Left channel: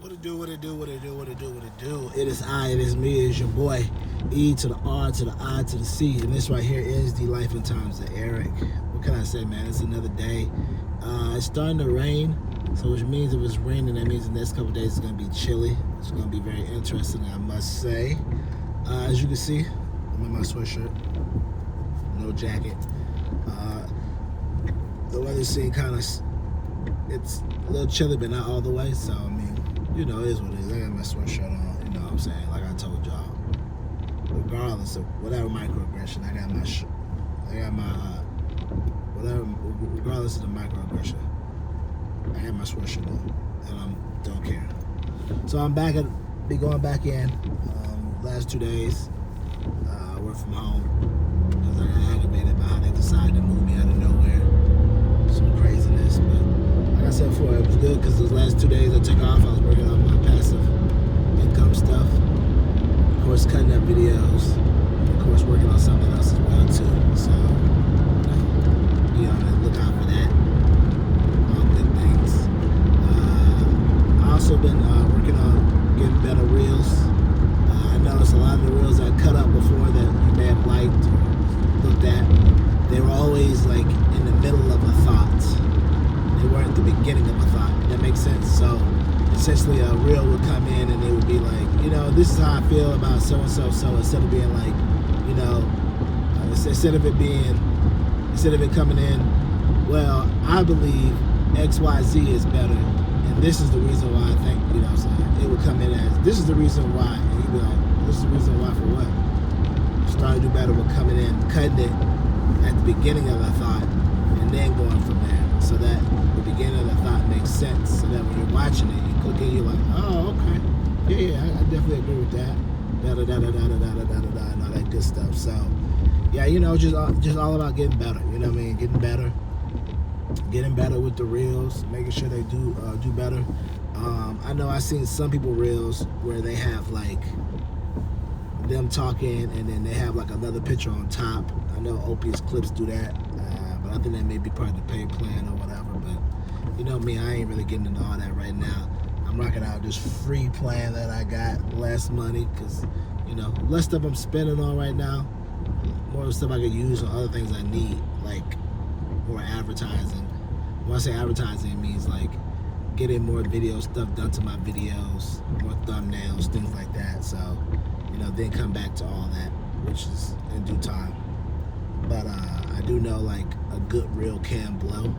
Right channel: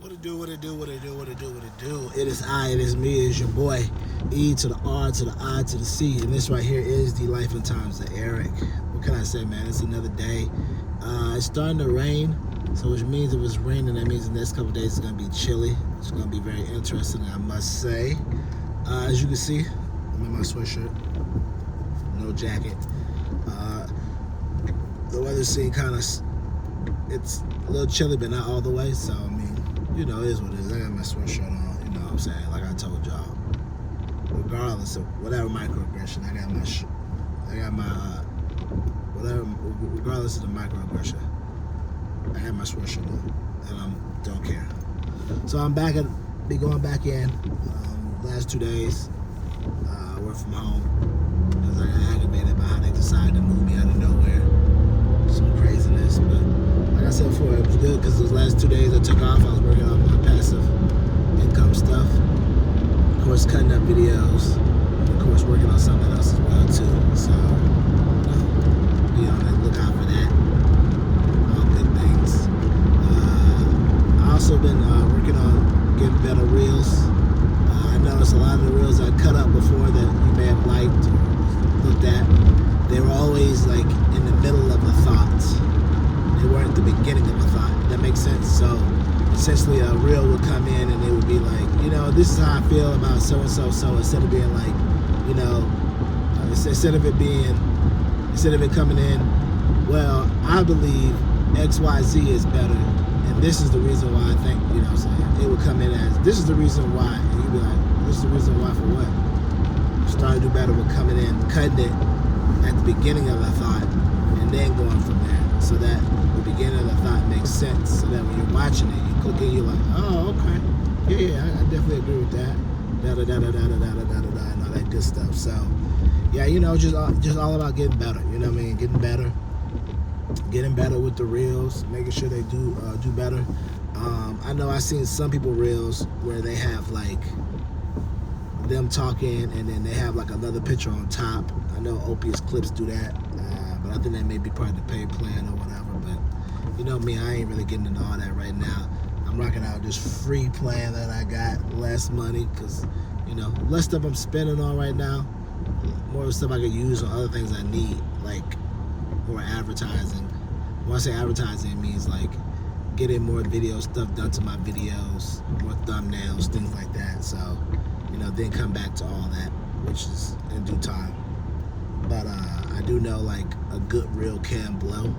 What it do, what it do, what it do, what it do, what it do. It is me, it is your boy, E to the R to the I to the C. And this right here is the Life and Times of Eric. What can I say, man? It's another day. It's starting to rain, so which means if it's raining, that means the next couple of days it's going to be chilly. It's going to be very interesting, I must say. As you can see, I'm in my sweatshirt, no jacket. The weather's seeing kind of, it's a little chilly, but not all the way, so I mean, you know, it is what it is. I got my sweatshirt on, you know what I'm saying? Like I told y'all, regardless of whatever microaggression, regardless of the microaggression, I got my sweatshirt on, and I don't care. So I'm be going back in, last 2 days, work from home, because I got aggravated by how they decided to move me out of nowhere. Some craziness, but like I said before, it was good because those last 2 days I took off. I was working on my passive income stuff, of course cutting up videos, and of course working on something else as well too. So, you know, be on the lookout for that. All good things. I also been working on getting better reels. I noticed a lot of the reels I cut up before that you may have liked or looked at, they were always like in the middle of a thought. They weren't the beginning of a thought. That makes sense. So essentially a reel would come in and it would be like, you know, this is how I feel about so and so. So instead of being like, you know, instead of it coming in, well, I believe XYZ is better, and this is the reason why I think, you know what I'm saying? It would come in as, this is the reason why. And you'd be like, this is the reason why for what? Starting to do better with coming in, cutting it at the beginning of a thought, and then going from there. So that the beginning of the thought makes sense. So that when you're watching it, you click in, you're like, oh, okay. Yeah, I definitely agree with that. And all that good stuff. So, yeah, you know, just all about getting better. You know what I mean? Getting better with the reels, making sure they do better. I know I've seen some people reels where they have like them talking and then they have like another picture on top. I know Opius Clips do that, but I think that may be part of the paid plan or whatever. But you know me, I ain't really getting into all that right now. I'm rocking out this free plan that I got, less money, because you know, less stuff I'm spending on right now, more stuff I could use on other things I need, like more advertising. When I say advertising, it means like getting more video stuff done to my videos, more thumbnails, things like that. So, you know, then come back to all that, which is in due time. But I do know like a good reel can blow.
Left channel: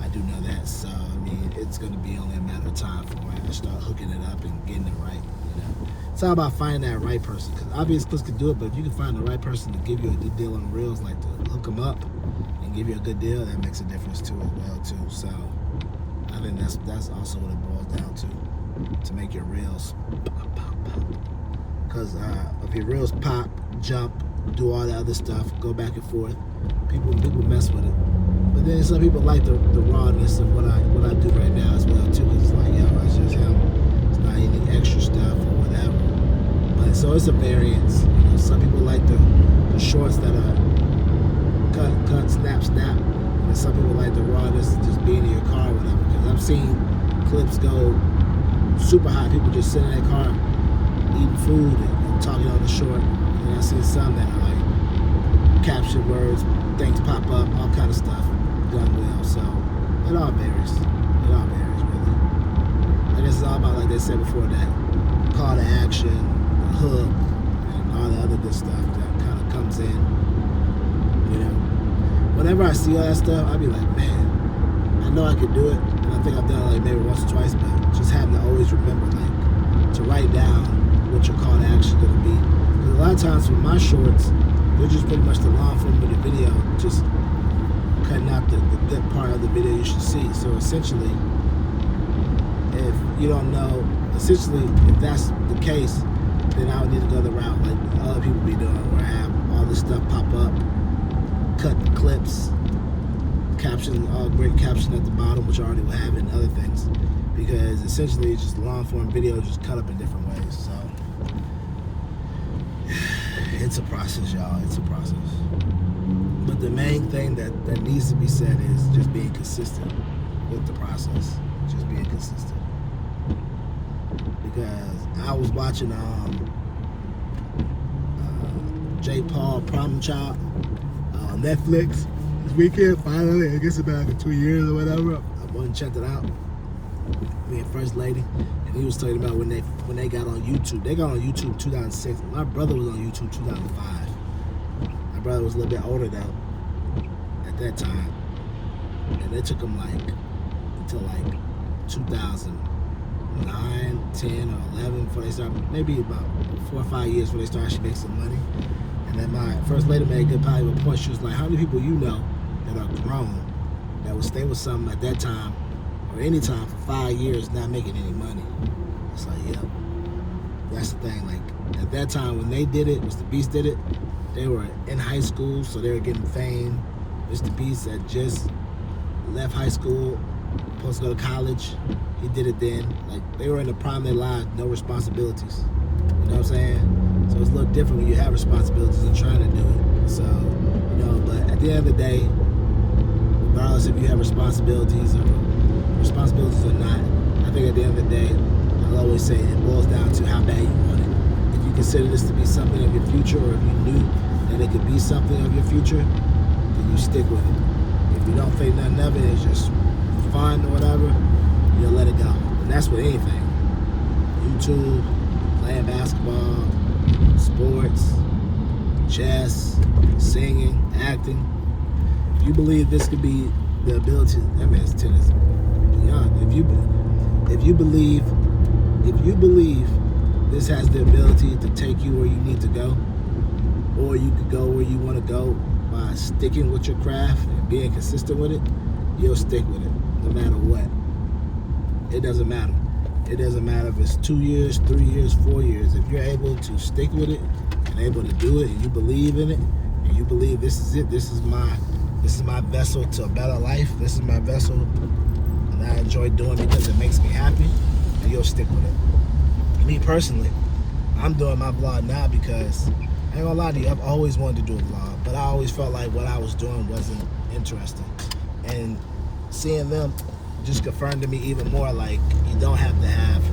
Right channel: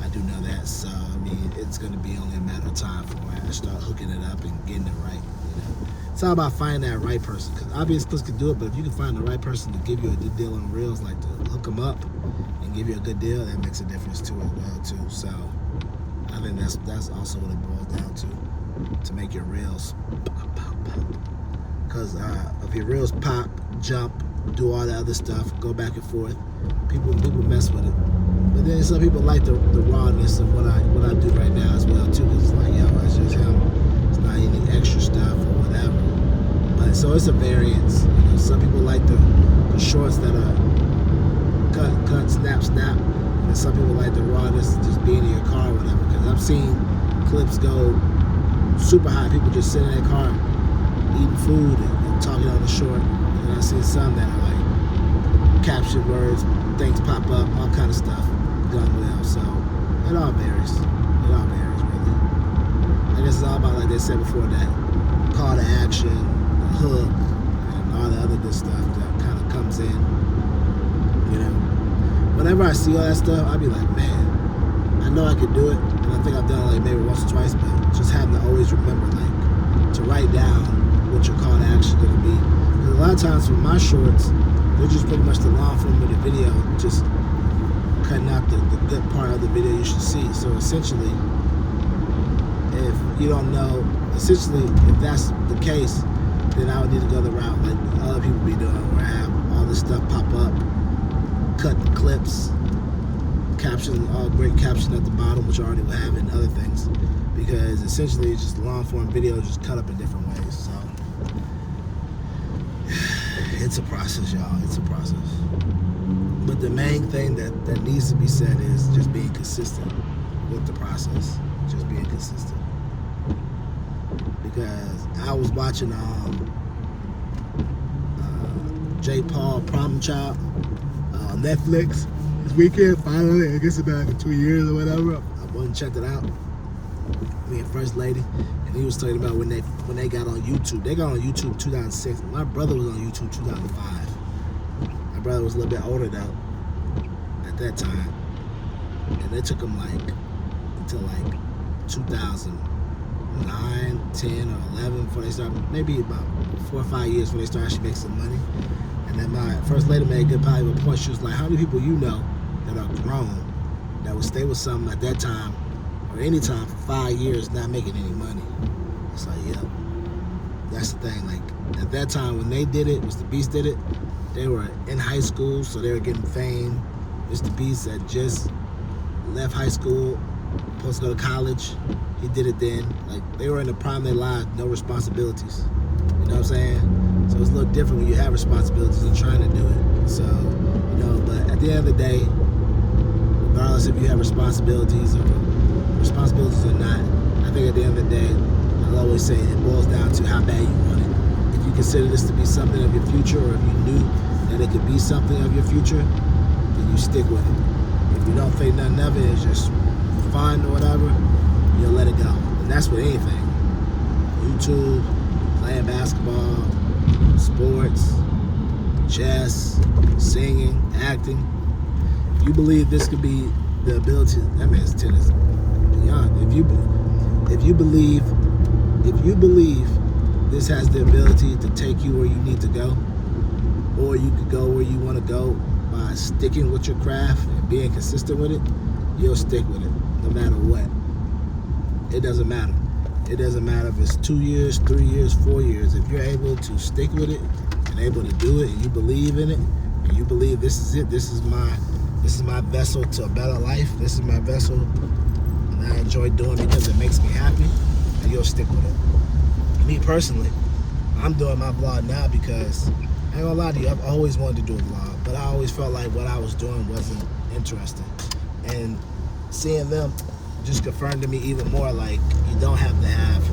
I do know that. So, I mean, it's going to be only a matter of time for when I start hooking it up and getting it right. You know? It's all about finding that right person. Because obviously Clips can do it, but if you can find the right person to give you a good deal on reels, like to hook them up and give you a good deal, that makes a difference too as well too. So I think that's also what it boils down to make your reels pop. Because if your reels pop, jump, do all that other stuff, go back and forth, people mess with it. But then some people like the rawness of what I do right now as well too. Because it's like, yo, it's just him. It's not any extra stuff or whatever. But so it's a variance. You know, some people like the shorts that are cut, snap. And some people like the rawness, just being in your car or whatever. Because I've seen clips go super high. People just sitting in their car eating food and talking on the short. And I've seen some that are like caption words, things pop up, all kind of stuff done well. So it all varies. Really. I guess it's all about, like they said before, that call to action, the hook, and all the other good stuff that kind of comes in. You know, whenever I see all that stuff, I be like, man, I know I can do it, and I think I've done it like maybe once or twice, but just having to always remember, like, to write down what your call to action is going to be. Because a lot of times for my shorts, they're just pretty much the long form of the video, just cutting out the good part of the video you should see. So essentially, if you don't know, if that's the case, then I would need to go the route like other people be doing, where I have all this stuff pop up, cut the clips, caption, all great caption at the bottom, which I already would have, and other things. Because essentially it's just long form video just cut up in different ways. So it's a process, y'all. It's a process. But the main thing that needs to be said is just being consistent with the process. Just being consistent. because I was watching J. Paul Problem Child on Netflix this weekend. Finally, I guess about 2 years or whatever. I went and checked it out. Me and First Lady, and he was talking about when they got on YouTube. They got on YouTube 2006. My brother was on YouTube 2005. My brother was a little bit older though at that time, and it took him until 2009, 10, or 11 before they started. Maybe about 4 or 5 years before they started actually making some money. And then my First Lady made a good probably a point. She was like, "How many people you know that are grown that would stay with something at that time?" Or any time for 5 years not making any money. It's like, yeah, that's the thing. Like at that time when they did it, Mr. Beast did it, they were in high school, so they were getting fame. Mr. Beast had just left high school, supposed to go to college. He did it then. Like they were in the prime of their lives, no responsibilities. You know what I'm saying? So it's a little different when you have responsibilities and trying to do it. So, but at the end of the day, regardless if you have responsibilities or not, I think at the end of the day, I'll always say it boils down to how bad you want it. If you consider this to be something of your future, or if you knew that it could be something of your future, then you stick with it. If you don't think nothing of it is just fun or whatever, you'll let it go. And that's with anything. YouTube, playing basketball, sports, chess, singing, acting. If you believe this could be the ability, that man's tennis. If you believe this has the ability to take you where you need to go, or you could go where you want to go by sticking with your craft and being consistent with it, you'll stick with it no matter what. It doesn't matter. It doesn't matter if it's 2 years, 3 years, 4 years. If you're able to stick with it and able to do it, and you believe in it, and you believe this is it, this is my vessel to a better life, this is my vessel, and I enjoy doing it because it makes me happy, and you'll stick with it. Me personally, I'm doing my vlog now because, I ain't gonna lie to you, I've always wanted to do a vlog, but I always felt like what I was doing wasn't interesting. And seeing them just confirmed to me even more, like, you don't have to have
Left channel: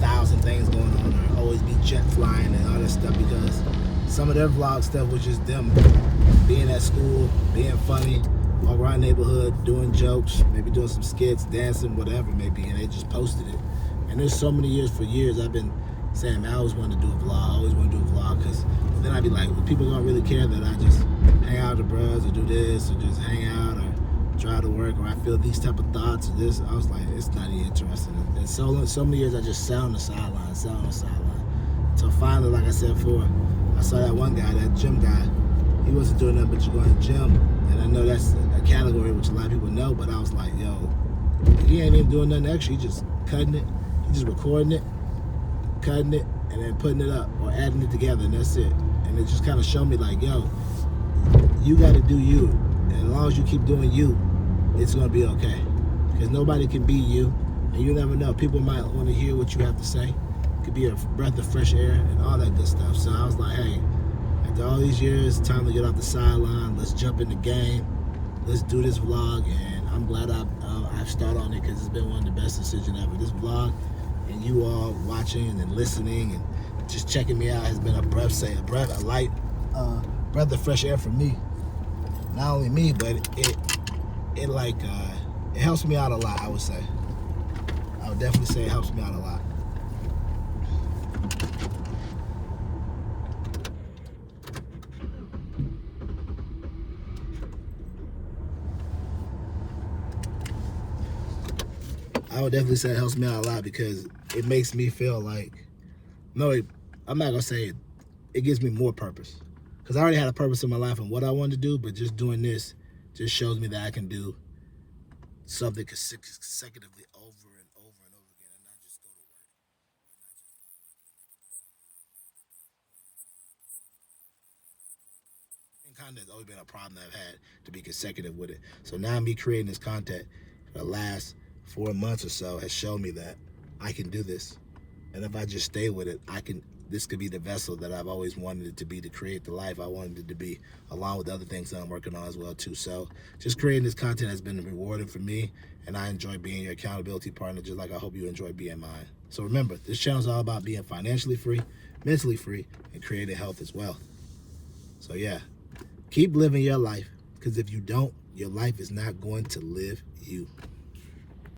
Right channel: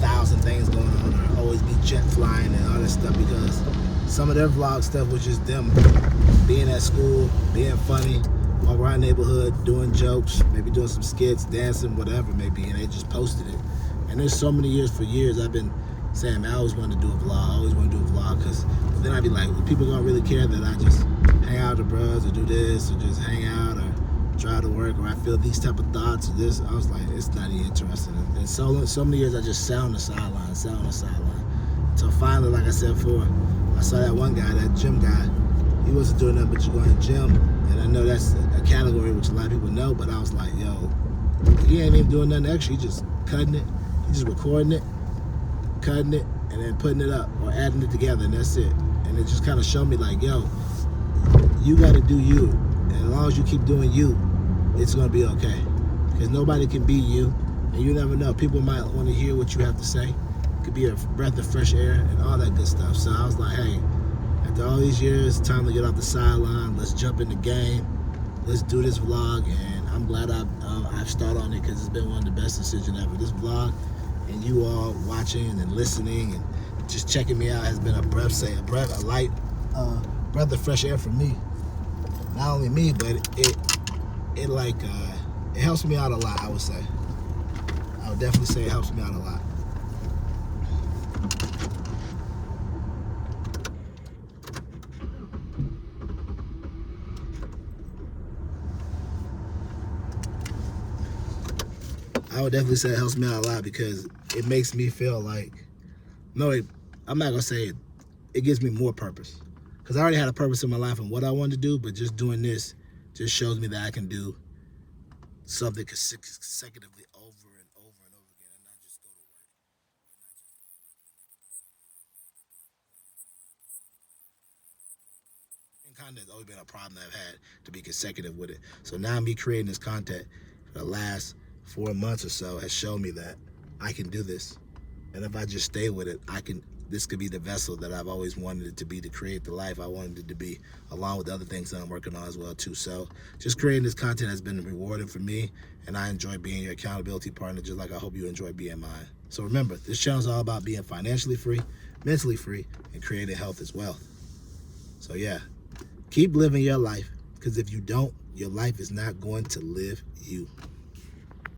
1,000 things going on or always be jet flying and all this stuff, because some of their vlog stuff was just them being at school, being funny, walk around the neighborhood, doing jokes, maybe doing some skits, dancing, whatever it may be, and they just posted it. And there's so many years, for years, I've been saying, man, I always wanted to do a vlog, I always want to do a vlog, because then I'd be like, well, people gonna really care that I just hang out with the bros or do this, or just hang out, or try to work, or I feel these type of thoughts, or this. I was like, it's not even interesting. And so many years I just sat on the sideline. So finally, like I said before, I saw that one guy, that gym guy. He wasn't doing nothing but just going to the gym. And I know that's a category which a lot of people know, but I was like, yo, he ain't even doing nothing extra. He just cutting it. He just recording it, cutting it, and then putting it up or adding it together, and that's it. And it just kind of showed me like, yo, you got to do you. And as long as you keep doing you, it's going to be okay. Because nobody can be you. And you never know. People might want to hear what you have to say. It could be a breath of fresh air and all that good stuff. So I was like, hey, after all these years, time to get off the sideline. Let's jump in the game. Let's do this vlog. And I'm glad I've started on it, because it's been one of the best decisions ever. This vlog and you all watching and listening and just checking me out has been a breath of fresh air for me. Not only me, but it helps me out a lot, I would say. I would definitely say it helps me out a lot. I would definitely say it helps me out a lot, because it makes me feel like, I'm not gonna say it, it gives me more purpose. Because I already had a purpose in my life and what I wanted to do, but just doing this just shows me that I can do something consecutively over and over and over again, and not just go to work. And content's always been a problem that I've had, to be consecutive with it. So now me creating this content for the last 4 months or so has shown me that I can do this. And if I just stay with it, I can this could be the vessel that I've always wanted it to be, to create the life I wanted it to be, along with other things that I'm working on as well too. So just creating this content has been rewarding for me, and I enjoy being your accountability partner, just like I hope you enjoy being mine. So remember, this channel is all about being financially free, mentally free, and creating health as well. So yeah, keep living your life, because if you don't, your life is not going to live you.